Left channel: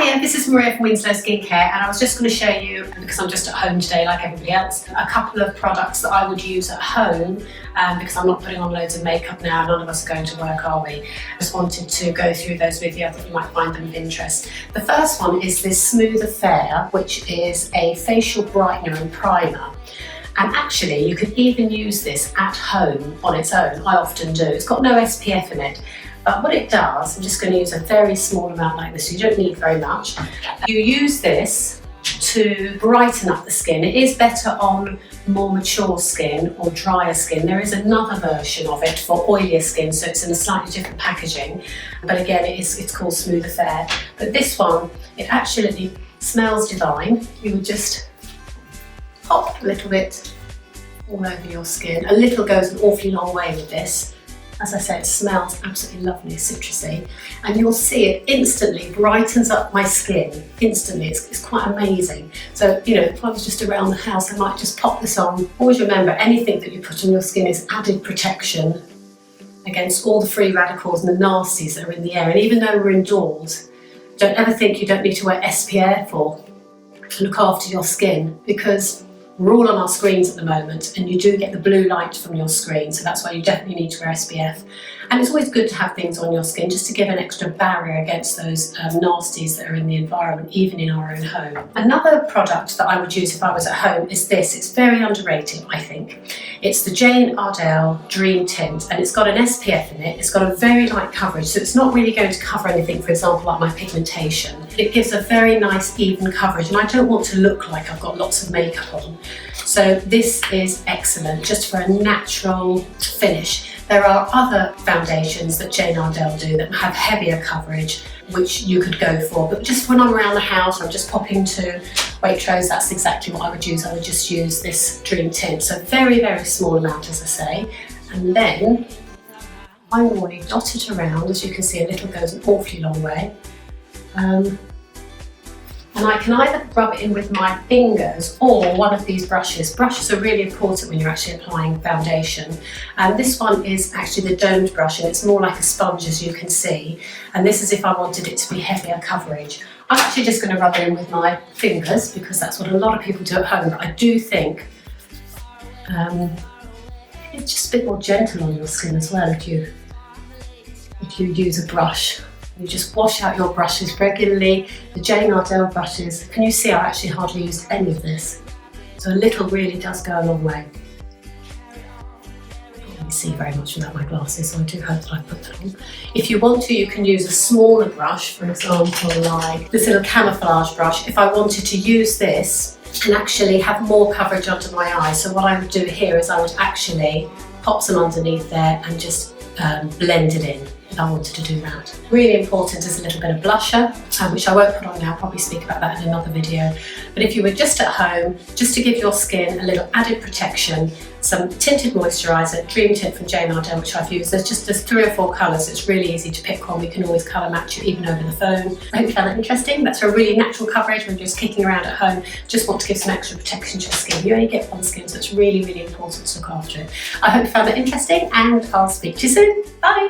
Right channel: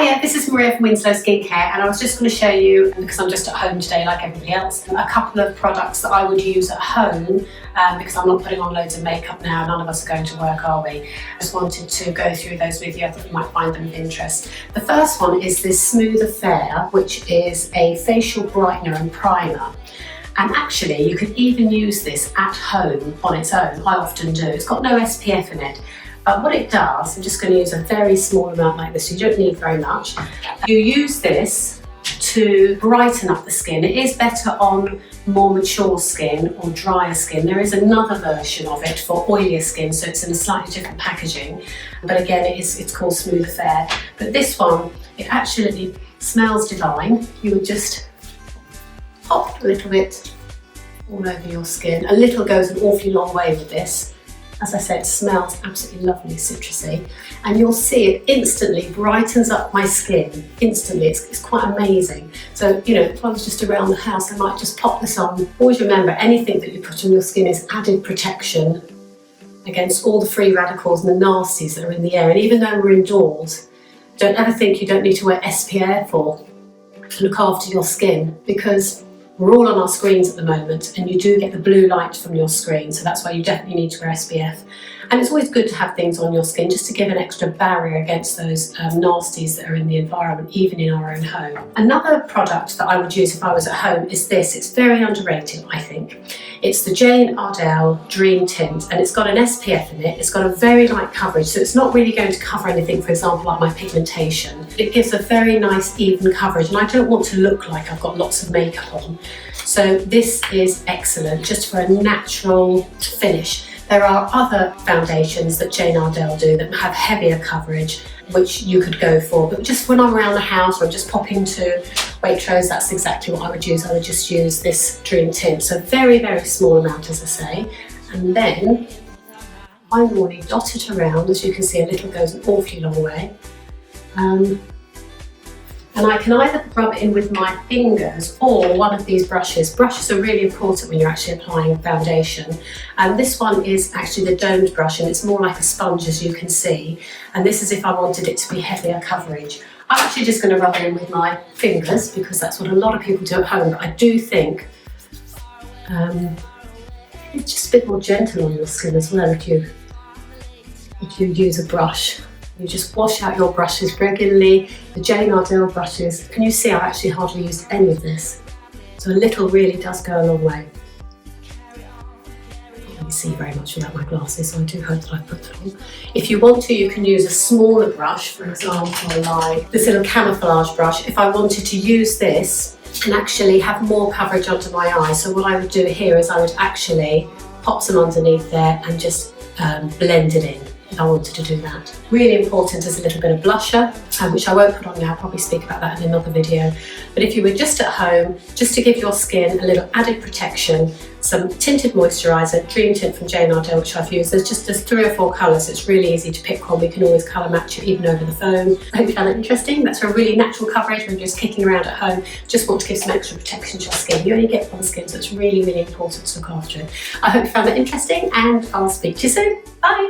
Hiya, this is Maria from Winslow Skincare, and I was just going to show you, because I'm just at home today like everybody else, a couple of products that I would use at home because I'm not putting on loads of makeup now. None of us are going to work, are we? I just wanted to go through those with you. I thought you might find them of interest. The first one is this Smooth Affair, which is a facial brightener and primer. And actually, you could even use this at home on its own. I often do. It's got no SPF in it. But what it does, I'm just going to use a very small amount like this, so you don't need very much. You use this to brighten up the skin. It is better on more mature skin or drier skin. There is another version of it for oilier skin, so it's in a slightly different packaging. But again, it's called Smooth Affair. But this one, it actually smells divine. You would just pop a little bit all over your skin. A little goes an awfully long way with this. As I said, it smells absolutely lovely, citrusy, and you'll see it instantly brightens up my skin. Instantly, it's quite amazing. So, you know, if I was just around the house, I might just pop this on. Always remember, anything that you put on your skin is added protection against all the free radicals and the nasties that are in the air. And even though we're indoors, don't ever think you don't need to wear SPF or to look after your skin, because we're all on our screens at the moment and you do get the blue light from your screen, so that's why you definitely need to wear SPF. And it's always good to have things on your skin just to give an extra barrier against those nasties that are in the environment, even in our own home. Another product that I would use if I was at home is this. It's very underrated, I think. It's the Jane Iredale Dream Tint, and it's got an SPF in it. It's got a very light coverage, so it's not really going to cover anything, for example, like my pigmentation. It gives a very nice even coverage, and I don't want to look like I've got lots of makeup on. So this is excellent, just for a natural finish. There are other foundations that Jane Iredale do that have heavier coverage, which you could go for. But just when I'm around the house or I'm just popping to Waitrose, that's exactly what I would use. I would just use this Dream Tint. So very, very small amount, as I say. And then I normally dot it around. As you can see, a little goes an awfully long way. And I can either rub it in with my fingers or one of these brushes. Brushes are really important when you're actually applying foundation. And this one is actually the domed brush, and it's more like a sponge, as you can see. And this is if I wanted it to be heavier coverage. I'm actually just going to rub it in with my fingers because that's what a lot of people do at home. But I do think it's just a bit more gentle on your skin as well if you use a brush. You just wash out your brushes regularly. The Jane Iredale brushes, can you see I've actually hardly used any of this? So a little really does go a long way. I can't really see very much without my glasses, so I do hope that I put them on. If you want to, you can use a smaller brush, for example, like this little Camoflage brush. If I wanted to use this and actually have more coverage under my eye, so what I would do here is I would actually pop some underneath there and just blend it in. If I wanted to do that. Really important is a little bit of blusher, which I won't put on now, I'll probably speak about that in another video. But if you were just at home, just to give your skin a little added protection, some tinted moisturiser, Dream Tint from Jane Iredale, which I've used. There's 3 or 4 colours, so it's really easy to pick one. We can always colour match it even over the phone. I hope you found it interesting. That's a really natural coverage when you're just kicking around at home. Just want to give some extra protection to your skin. You only get one skin, so it's really, really important to look after it. I hope you found that interesting, and I'll speak to you soon. Bye!